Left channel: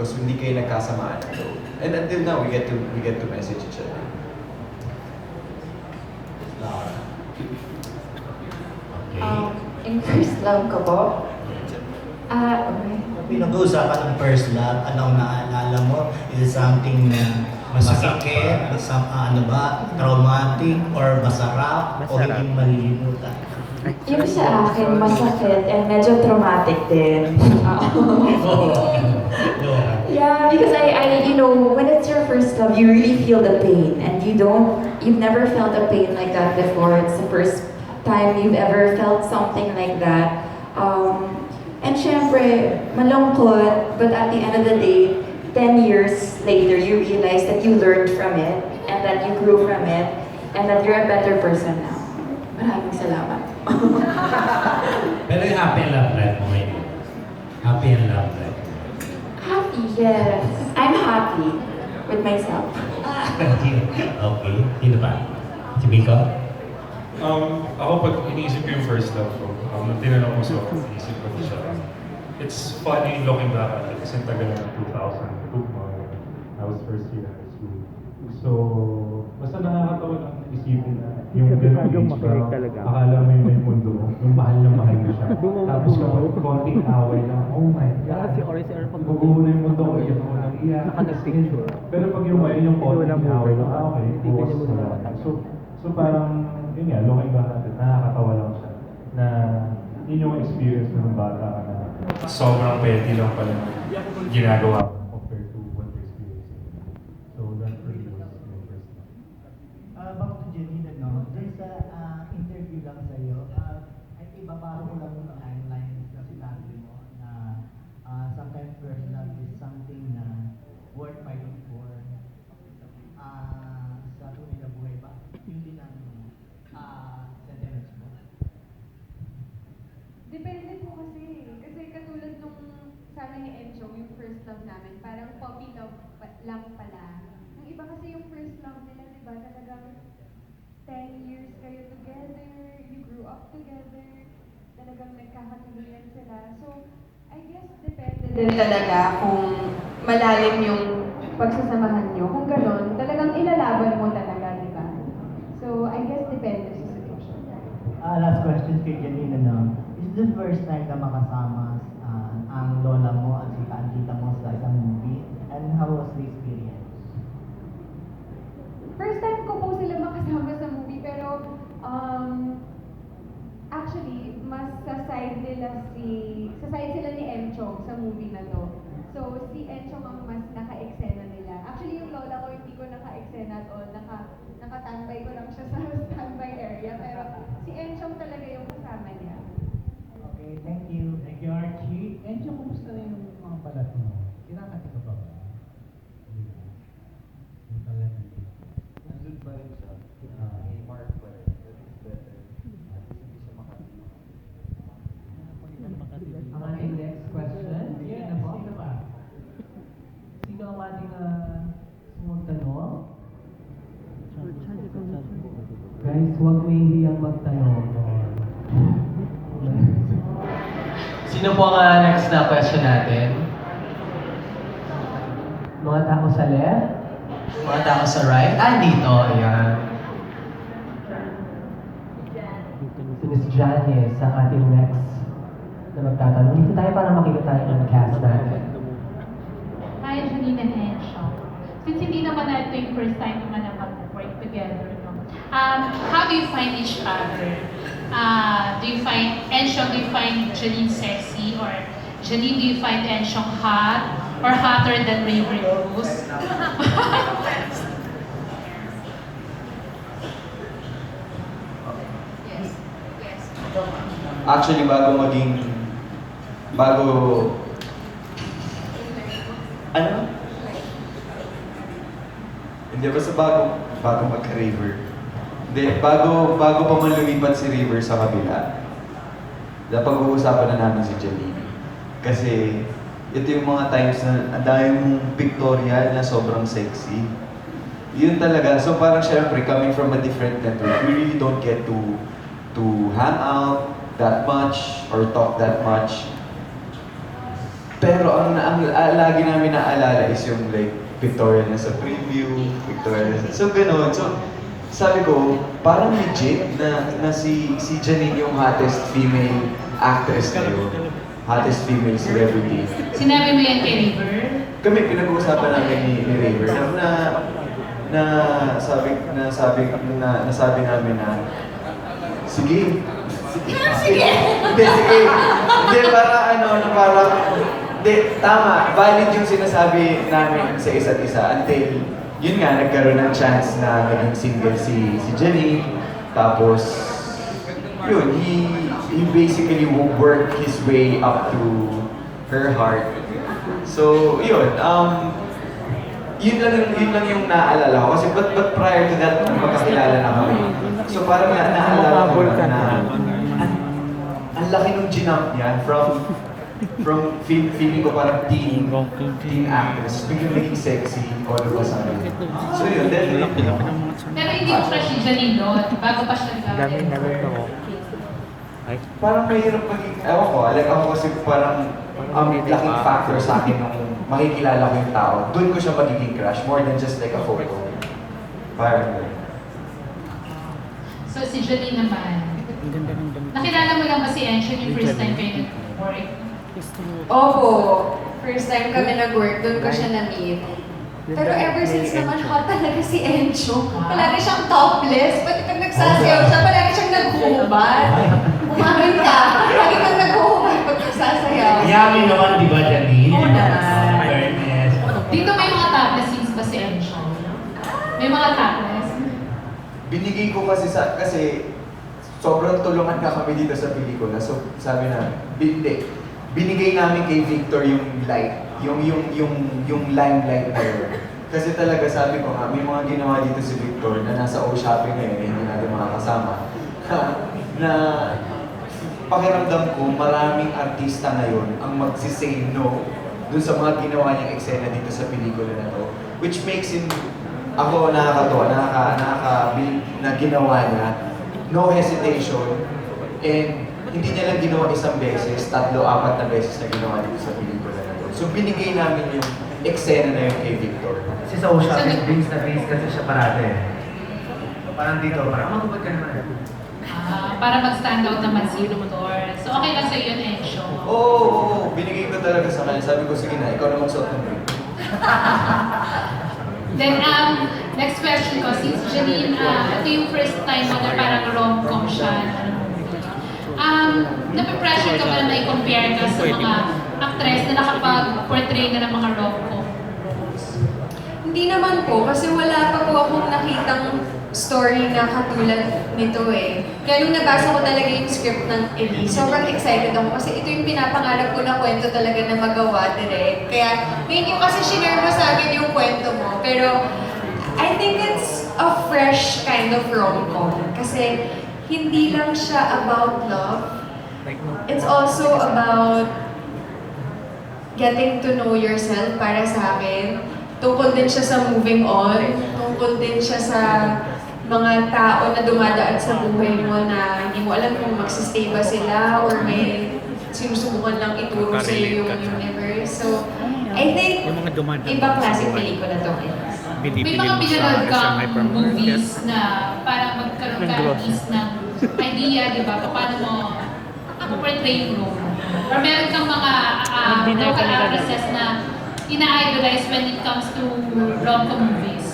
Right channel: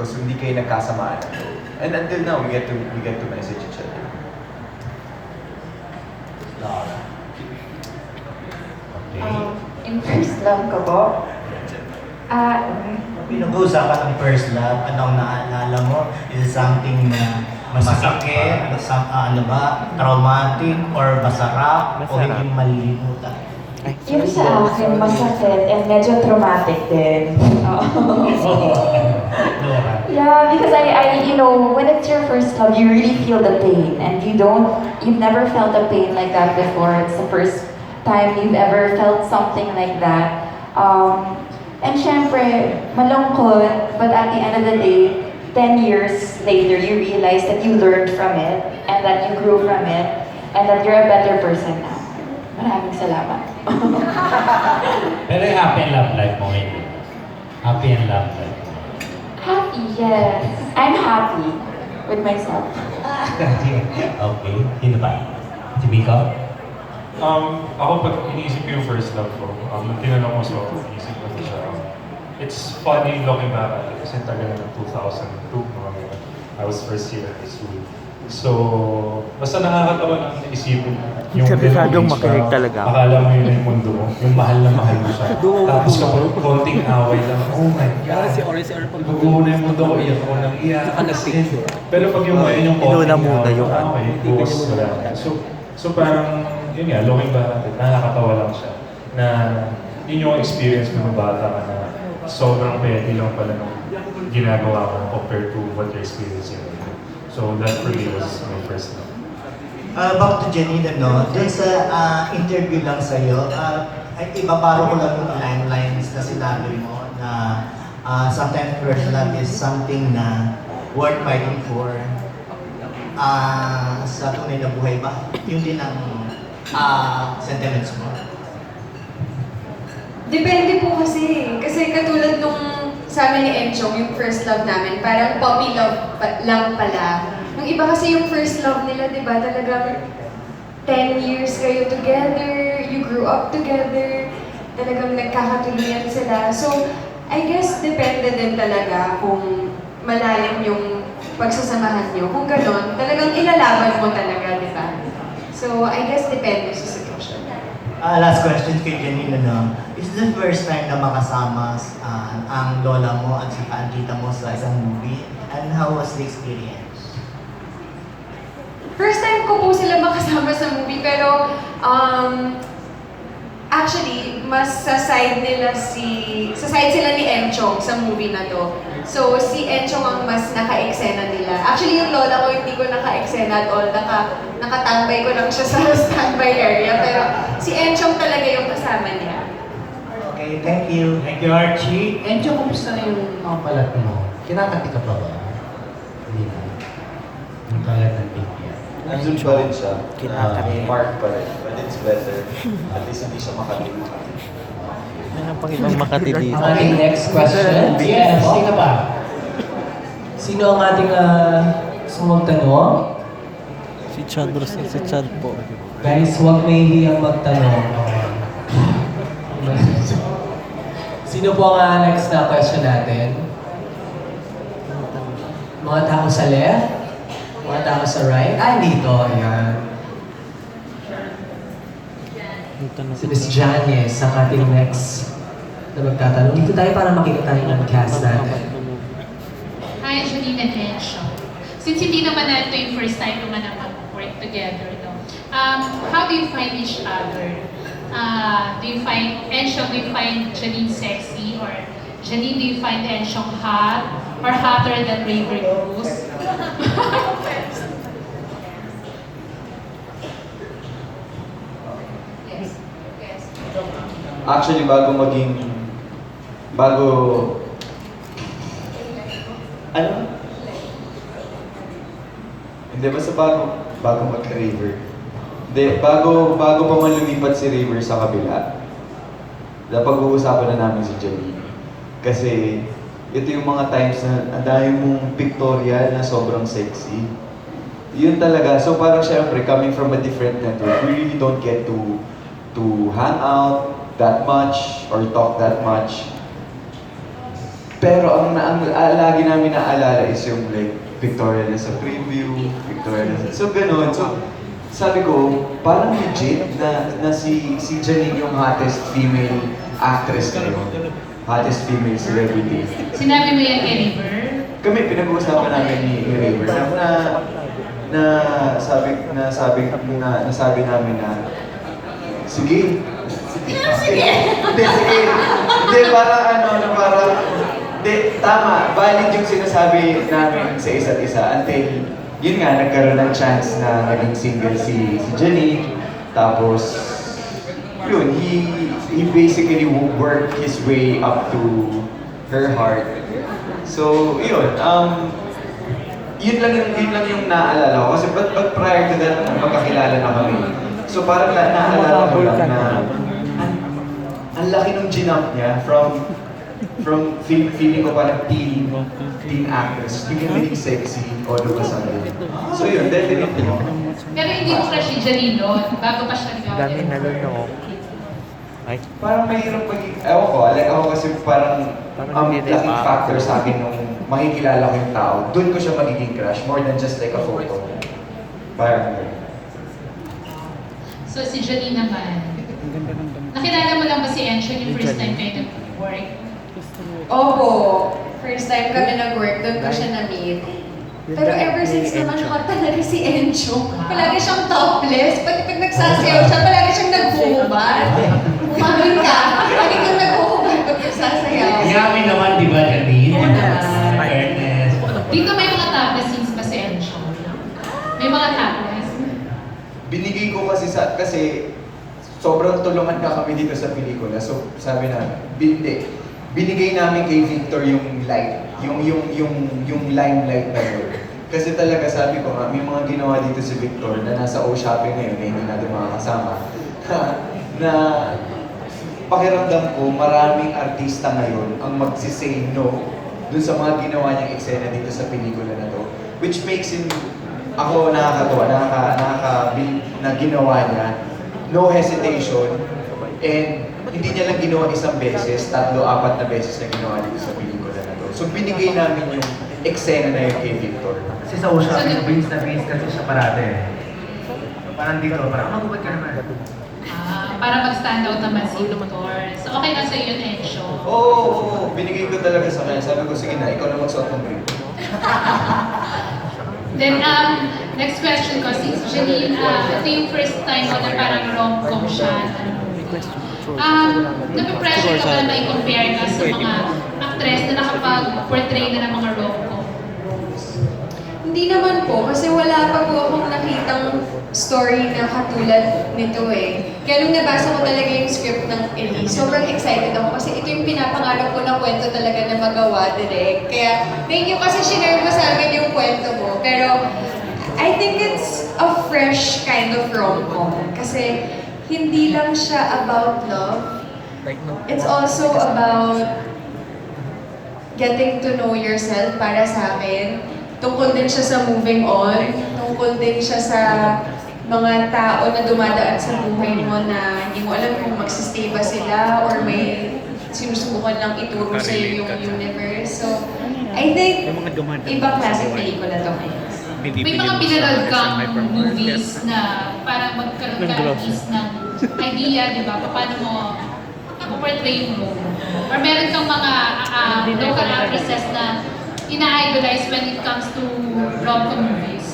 because hindi kayo nagkasamaan. And until now, we get to we get to message each other. Laura. Okay. Um, in first love ko po, ah, okay. Pinag-uusapan ng first love, anong naalala mo? Is it something na masakit, some, ah, ano ba, traumatic, or masarap, o Masarap. hindi malilimutan? Yung sa akin, masakit and medyo traumatic din. Laura. yeah, because I, I, you know, when it's your first love, you really feel the pain and you don't, you've never felt a pain like that before. It's the first time you've ever felt something like that. Um, and syempre, malungkot, but at the end of the day, 10 years later, you realize that you learned from it and that you grew from it and that you're a better person now. Maraming salamat. Pero yung happy and love life mo ngayon. Happy and love life. Happy, yes. I'm happy with myself. okay. Sino pa? Si Miko? Um, ako pag iniisip ko yung first love ko, um, tinanong mo sa ako, iniisip ko siya. um, It's funny looking back at it kasi tagal na ng 2002, no? I was first year high school. So, basta nakakatawa lang isipin yung makinig parang talaga. Akala mo yun yung mundo mo, yung mahal na mahal mo siya. Tapos kapag konting away lang, oh my God. si RSR pag Naguho na yung mundo ko, iyak ako ng iyak. Pero pag yung ngayon yung Inuna konting muna away, yung ano. okay, buwas, wala na. So, so parang, yun nga, looking back at it, nakakatawa lang siya. Na yun yung experience mo nung bata ka na sobrang petty lang pala ng ginagawa mo compared to what you're experiencing. So that for me was my first love. Uh, back to Janine, no? Doon sa ah, interview lang sa'yo, uh, ay ibabaro ko lang yung timelines na sinabi mo na ah, sometimes first love is something na worth fighting for. Ah, sa tunay na buhay ba? Yun din ang ah, sentiments mo. Depende po kasi. Kasi katulad nung sa amin ni Enchong, yung first love namin, parang puppy love pa- lang pala. Yung iba kasi yung first love nila, di ba, talagang 10 years kayo together, you grew up together, talagang nagkakatuluyan sila. So, I guess depende din talaga kung malalim yung pagsasamahan nyo. Kung ganon, talagang ilalaban mo talaga, di ba? So, I guess depende sa sitwasyon. Ah, last question kay Janine, no? Is this the first time na makasama ah, ang lola mo at saka ang tita mo sa isang movie? And how was the experience? First time ko po sila makasama sa movie, pero um, actually, mas sa side nila si... Sa side sila ni Enchong sa movie na to. So, si Enchong ang mas naka-eksena nila. Actually, yung lola ko hindi ko naka-eksena at all. Naka, nakatambay ko lang siya sa standby area. Pero si Enchong talaga yung kasama niya. Okay, thank you. Thank you, Archie. Enjo, kumusta na yung mga balat mo? Kinakati ka pa ba? Hindi na. Yung balat ng BPM. Nandun pa rin siya. Kinakati. Uh, mark pa rin. But it's better. At least hindi siya. Yan ang pang ibang Makati dito. Ating next question. Yes, sino ba? Sino ang ating uh, sumang tanong? Si Chad si Chad po. Guys, huwag mahihiyang magtanong. Sino po ang uh, next na question natin? Mga tao sa left? Mga tao sa right? Ah, dito. Ayan. Si Miss Janice ang ating next na magtatanong. Dito tayo para makita tayo ng cast natin. Hi, Janine and Encho. Since hindi naman na ito yung first time naman na mag-work together, no? Um, how do you find each other? Uh, do you find, Encho, do you find Janine sexy? Or Janine, do you find Encho hot? Or hotter than Raver Rose? Yes. Actually, bago maging... Bago... Ano? Hindi, basta bago, bago magka-River. Hindi, bago, bago pa man lumipat si River sa kabila, napag-uusapan na namin si Janine. Kasi, ito yung mga times na ang dami mong pictorial na sobrang sexy. Yun talaga. So parang syempre, coming from a different network, we really don't get to to hang out that much or talk that much. Pero ang, ang, ah, lagi namin naalala is yung like, Victoria na sa preview, Victoria na sa... So, ganun. So, sabi ko, parang legit na, na si, si Janine yung hottest female actress na yun. Hottest female celebrity. Sinabi mo yan kay River? Kami, pinag-uusapan namin ni, ni Raver na, na, na sabi, na sabi, na, nasabi namin na, sige, sige, sige, hindi, sige, hindi, para ano, para, hindi, tama, valid yung sinasabi namin sa isa't isa until, yun nga, nagkaroon ng chance na naging single si, si Jenny, tapos, yun, he, he basically worked his way up to her heart. So, yun, um, yun lang yung, yun lang yung naalala ko. Kasi but, but prior to that, magkakilala na kami. So parang na, naalala ko na. na, ang, ang laki nung ginamp niya from, from feel, feeling ko parang teen, teen actress, biglang naging sexy, all of a sudden. So yun, definitely. Pero hindi mo crush si Janine noon, bago pa siya nagawa. Dami na lang ako. Ay, Parang mahirap pag, ewan ko, like ako kasi parang, Parang um, laking pa. factor sa akin nung makikilala ko yung tao. Doon ko siya magiging crush, more than just like a photo. Parang. So si Janine naman, nakilala mo lang ba si Encho yung first time kayo nag-work? Opo, first time kami nag-work, doon ko siya na-meet. Pero ever since naman hot talaga si Encho. Palagi siyang topless. Pati pag nagsasayaw siya, palagi siyang naghuhubad. Umamin ka. Palagi kang naghuhubad pag nagsasayaw. Yummy naman, di ba, Janine? Oo naman. Fairness. Dito may mga topless scenes ba si Encho? May mga topless? binigay ko kasi sa, kasi sobrang tulungan na kami dito sa pelikula. So, sabi na, hindi. Binigay namin kay Victor yung light, yung yung yung yung limelight na yun. Kasi talaga sabi ko may mga ginawa dito si Victor na nasa O Shopping ngayon, eh, hindi natin makakasama. na pakiramdam ko, maraming artista ngayon ang magsisay no dun sa mga ginawa niyang eksena dito sa pelikula na to. Which makes him, ako nakakatuwa, nakaka, nakaka, na ginawa niya, no hesitation, and hindi niya lang ginawa isang beses, tatlo, apat na beses na ginawa dito sa pelikula na to. So binigay namin yung eksena na yun kay Victor. Kasi sa Osha, so, Vince na Vince kasi siya parate. So, parang dito, parang magubad ka na. Ah, para mag-stand out naman si Victor. So okay na sa iyo, Encho. Oo, oo, oo. binigay ko talaga sa kanya. Sabi ko, sige na, ikaw na magsuot ng green. Then, um, next question ko, since Janine, uh, ito yung first time mo na parang rom-com siya. Um, napipressure ka ba na may compare ka sa mga actress na nakapag-portray na ng mga rom-com? Hindi naman po, kasi wala pa po akong nakitang story na katulad nito eh. Kaya nung nabasa ko talaga yung script ng Elise, sobrang excited ako kasi ito yung pinapangarap ko na kwento talaga na magawa direct. Kaya, thank you kasi shinare mo sa akin yung kwento mo. Pero, I think it's a fresh kind of rom-com. Kasi, hindi lang siya about love. It's also about getting to know yourself para sa akin. Tungkol din siya sa moving on. Tungkol din siya sa mga tao na dumadaan sa buhay mo na hindi mo alam kung magsistay ba sila or may sinusubukan lang ituro sa iyo yung universe. So, I think, ibang klaseng pelikula to. May mga pinanood kang movies na parang magkaroon ka at least ng idea, di ba, paano mo portray yung role. Or meron kang mga uh, local actresses na ina-idolize when it comes to rom-com movies.